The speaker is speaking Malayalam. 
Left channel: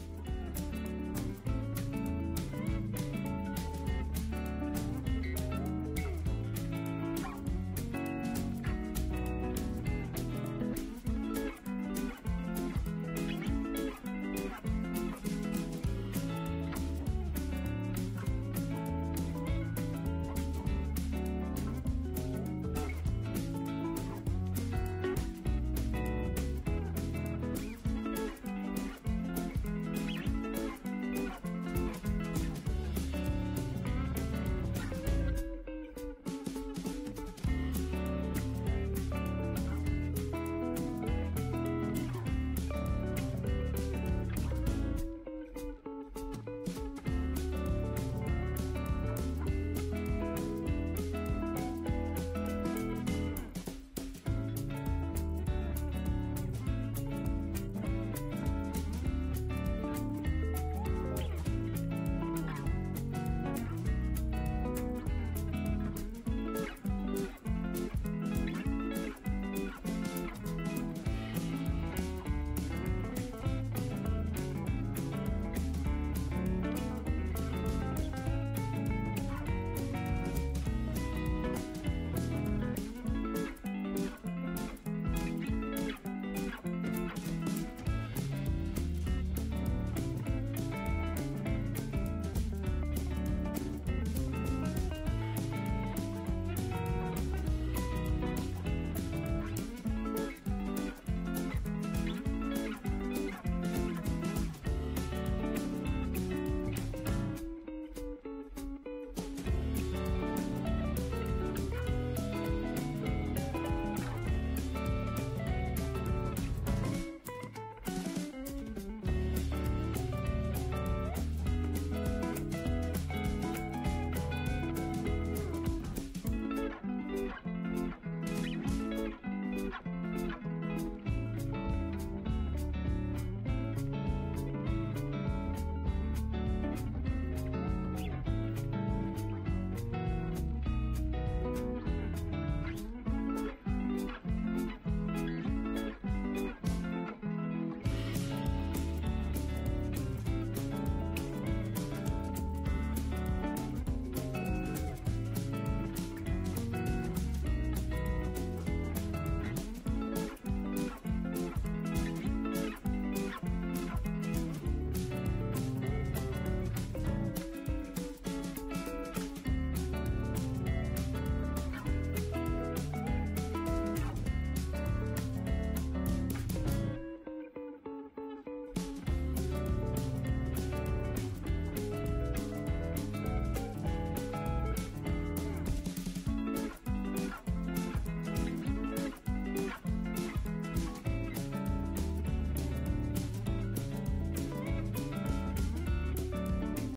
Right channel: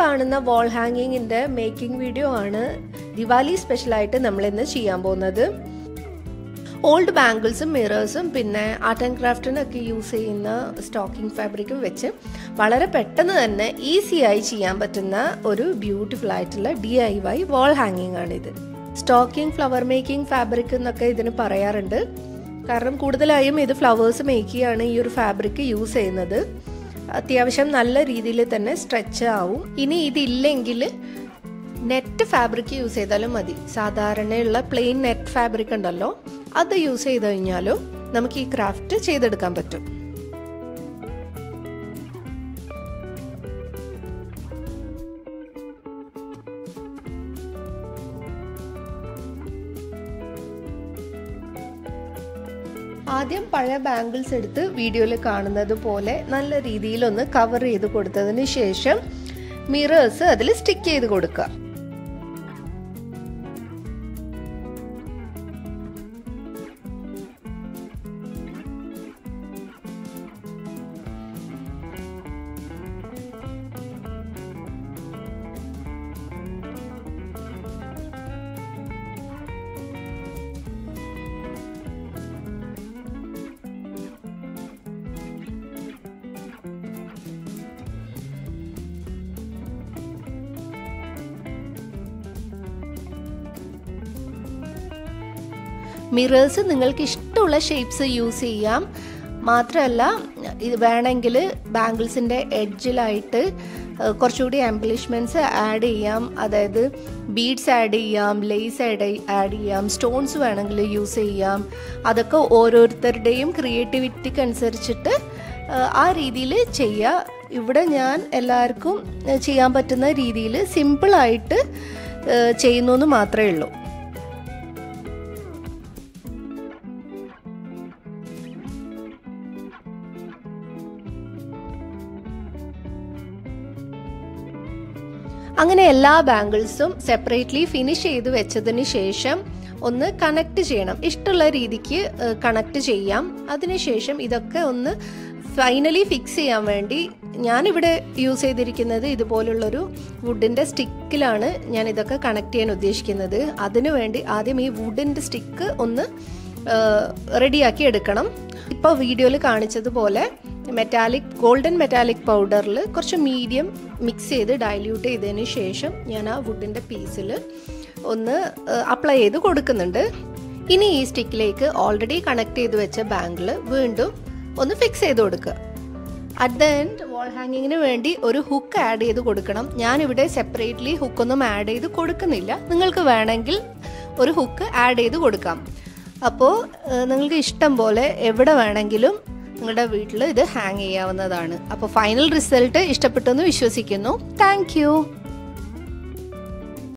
കാണുന്ന വാൾ ഹാങ്ങിങ്ങിൻ്റെ മേക്കിംഗ് വീഡിയോ ആണ് ദിവാലി സ്പെഷ്യലായിട്ട് നമ്മളിന്ന് ചെയ്യാൻ പോകുന്നത്. ഓൾഡ് ബാംഗിൾസും മിറേഴ്സും പിന്നെ ആർട്ട് ആൻഡ് ക്രാഫ്റ്റിനൊക്കെ യൂസ് ചെയ്യുന്ന സ്റ്റോക്കിംഗ് ഫാബ്രിക്കും വെച്ച് വളരെ പെട്ടെന്ന് തന്നെ ഈസിയായി ചെയ്യാൻ പറ്റുന്ന ഒരു ബ്യൂട്ടിഫുൾ ആയിട്ടുള്ള DIY വാൾ ഹാങ്ങിങ് ആണിത്. സ്റ്റോക്കിംഗ് ഫ്ലവർ മേക്കിംഗ് ഫാബ്രിക് എന്നൊക്കെ ഇതിന് പറയാറുണ്ട്. കാരണം കൂടുതലായും ഇത് ഫ്ലവേഴ്സ് മേക്ക് ചെയ്യാണ് ഈ ഒരു ഫാബ്രിക് യൂസ് ചെയ്യുന്നത്. അത്യാവശ്യം നല്ല രീതിയിൽ തന്നെ സ്ട്രെച്ച് ആവും. ഇനി ഇതില്ലെങ്കിൽ നെറ്റ് ഫാബ്രിക് യൂസ് ചെയ്താലും മതി. സാധാരണയുള്ള പ്ലെയിൻ നെറ്റ് ഫാബ്രിക് ഉണ്ടല്ലോ, അത് യൂസ് ചെയ്ത് കഴിഞ്ഞാലും നമുക്ക് ഈ ക്രാഫ്റ്റ് ചെയ്തെടുക്കാൻ പറ്റും. ആദ്യം പഴയ ബാംഗിൾസ് എടുത്ത് വീഡിയോയിൽ കാണുന്നത് പോലെ നല്ല രീതിയിലൊന്ന് കവർ ചെയ്ത് കൊടുത്തതിന് ശേഷം മിറേഴ്സ് അതിൽ സ്റ്റിക്ക് ചെയ്ത് കൊടുക്കുക. മിറേഴ്സ് നിങ്ങൾക്ക് ഇഷ്ടമുള്ള ഷേപ്സ് യൂസ് ചെയ്യാം. മാത്രമല്ല ഇത് വേണമെങ്കിൽ ബാംഗിൾസിൻ്റെ എഡ്ജിലായിട്ട് കുറച്ചുകൂടി എംബ്ലിഷ്മെൻറ്റ്സ് ആഡ് ചെയ്യാം. അതായത് ബീഡ്സ് ആഡ് ചെയ്യാം, ലേസ് ആഡ് ചെയ്യാം, സ്റ്റോൺസ് വേണമെങ്കിൽ യൂസ് ചെയ്യാം. അതൊക്കെ ഓരോരുത്തരുടെയും ക്രിയേറ്റിവിറ്റിക്ക് അനുസരിച്ചിട്ട് ആ രീതിയിൽ ചെയ്യുക. ഇവിടെ ഞാൻ എല്ലാവർക്കും ചെയ്യാൻ പറ്റുന്ന രീതിയിൽ സിമ്പിളായിട്ട് ചെയ്യുന്നു എന്ന് മാത്രമേ ഉള്ളൂ. അങ്ങനെ എല്ലാ ബാംഗിൾസും സെപ്പറേറ്റ്ലി ഫിനിഷ് ചെയ്ത് വെച്ചതിന് ശേഷം ഒന്ന് കണക്ട് ചെയ്യണം. ഇഷ്ടമുള്ള രീതിക്ക് കണക്ട് ചെയ്യാം. അതിനുശേഷം ഇതൊക്കെ ഒന്ന് ഫൈനലി ഫിക്സ് ചെയ്യാൻ വേണ്ടി ഞാനിവിടെ യൂസ് ചെയ്തിരിക്കുന്നത് ഇതുപോലുള്ളൊരു വുഡിൻ്റെ സ്റ്റിക്കിലാണ് ഞാൻ ഇതൊക്കെ കണക്ട് ചെയ്യാൻ ഉദ്ദേശിക്കുന്നത്. അതിനു വേണ്ടി ആദ്യം ഈ വുഡിൻ്റെ സ്റ്റിക്ക് ഒന്ന് റെഡിയാക്കി എടുക്കണം. ഇപ്പോൾ വീഡിയോയിൽ കാണിച്ചതുപോലെ ഗോൾഡൻ മെറ്റാലിക് പൗഡറിൽ കുറച്ച് മീഡിയം മിക്സ് ചെയ്ത് ഡൈല്യൂട്ട് ചെയ്തതിന് ശേഷം ഞാൻ ആ വുഡിൻ്റെ പീസിൽ ഒന്ന് അപ്ലൈ ചെയ്ത് കൊടുക്കുന്നുണ്ട്. ഇനി ഈ സ്റ്റിക്കിലേക്ക് ഓൾറെഡി കണക്ട് ചെയ്ത് വെച്ച ബാംഗിൾ വീണ്ടും ഒന്ന് ഫിക്സ് ചെയ്ത് കൊടുക്കുക. അറ്റ് ദ എൻഡ് വാൾ ഹാങ്ങിങ്ങിന് വേണ്ടി ഒരു ഹുക്ക് ആഡ് ചെയ്ത് കൊടുക്കണം. ഞാനിവിടെ സെപ്പറേറ്റ്ലി ഹുക്കൊന്നും ആഡ് ചെയ്ത് കൊടുക്കുന്നില്ല. നിങ്ങൾക്ക് വേണമെങ്കിൽ ഒരു ഹുക്ക് ആഡ് ചെയ്ത് കൊടുക്കാം. അപ്പോൾ നിങ്ങൾക്ക് ഇഷ്ടം പോലെ എവിടെ വേണമെങ്കിലും നിങ്ങളുടെ വീട്ടിൽ ഇത് ഹാങ് ചെയ്യാവുന്നതാണ്. അപ്പോൾ ഫൈനൽ റിസൾട്ട് ഇഷ്ടപ്പെട്ടെന്ന് വിശ്വസിക്കുന്നു. Thank you.